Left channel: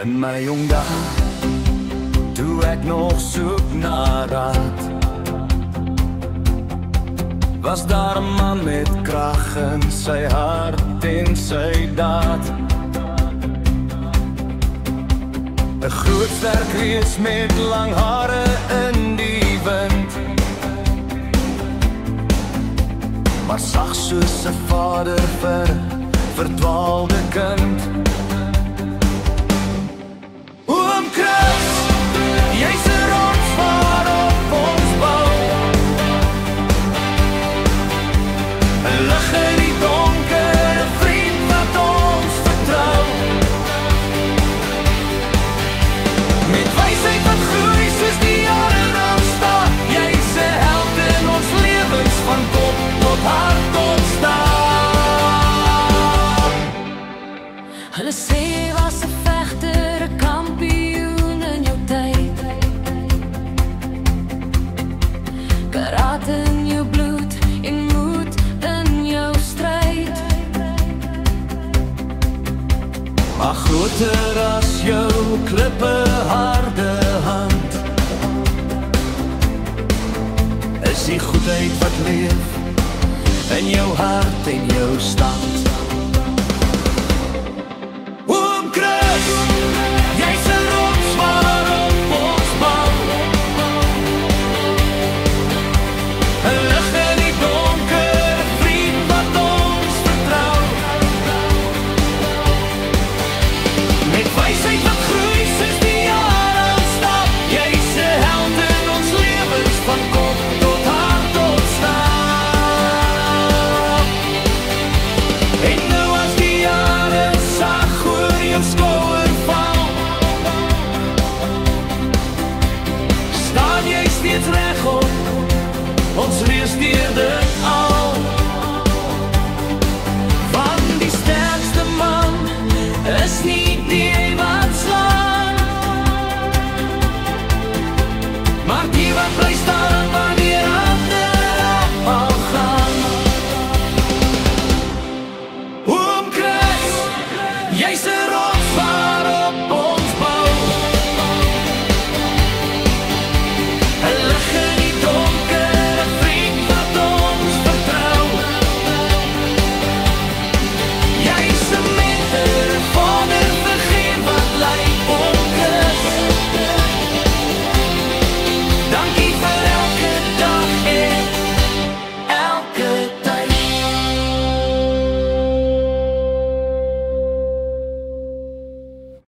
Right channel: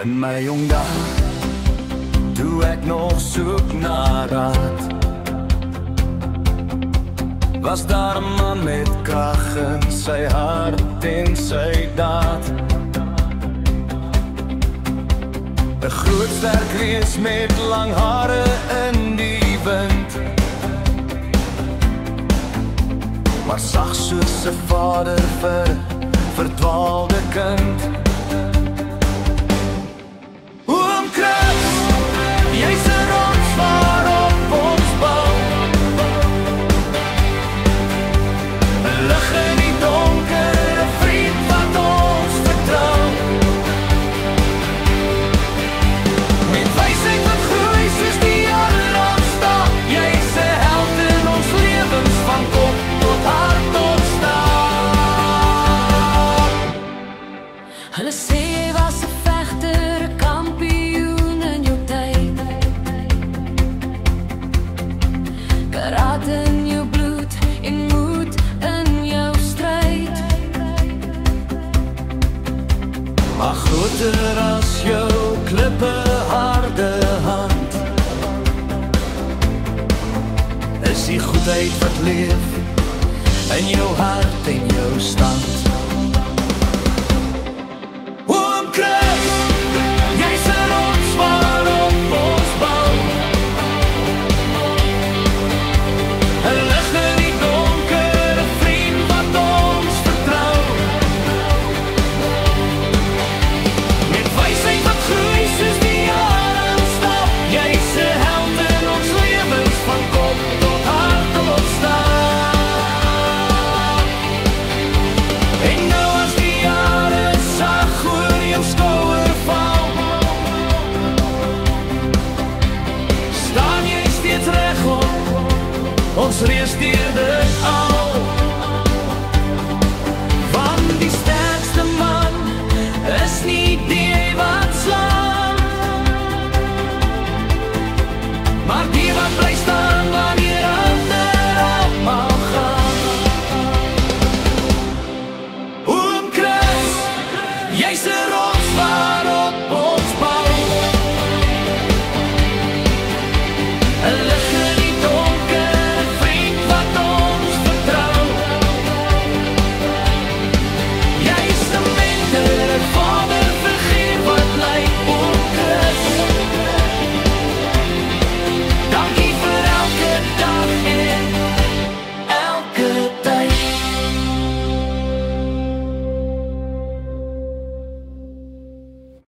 In my jong dae, toe ek nog soek na raad, was daar 'n man met krag in sy hart en sy daad. 'n Groot sterk reus met lang hare in die wind, maar sag soos 'n vader vir 'n verdwaalde kind. Oom Chris, jy's 'n rots waarop ons bou, 'n lig in die donker, 'n vriend wat ons vertrou. Met wysheid wat groei soos die jare aanstap, jy's 'n held in ons lewens van kop tot hart tot stap. Hulle sê jy was 'n vegter, 'n kampioen in jou tyd, karate in jou bloed en moed in jou stryd. Maar groter as jou klippe harde hand is die goedheid wat leef in jou hart en jou stand. Oom Chris, jy's 'n rots waarop ons bou, 'n lig in die donker, 'n vriend wat ons vertrou. Met wysheid wat groei soos die jare aanstap, jy's 'n held in ons lewens van kop tot hart tot stap. En nou as die jare sag oor jou skouer val, staan jy steeds regop, ons reus deur dit al.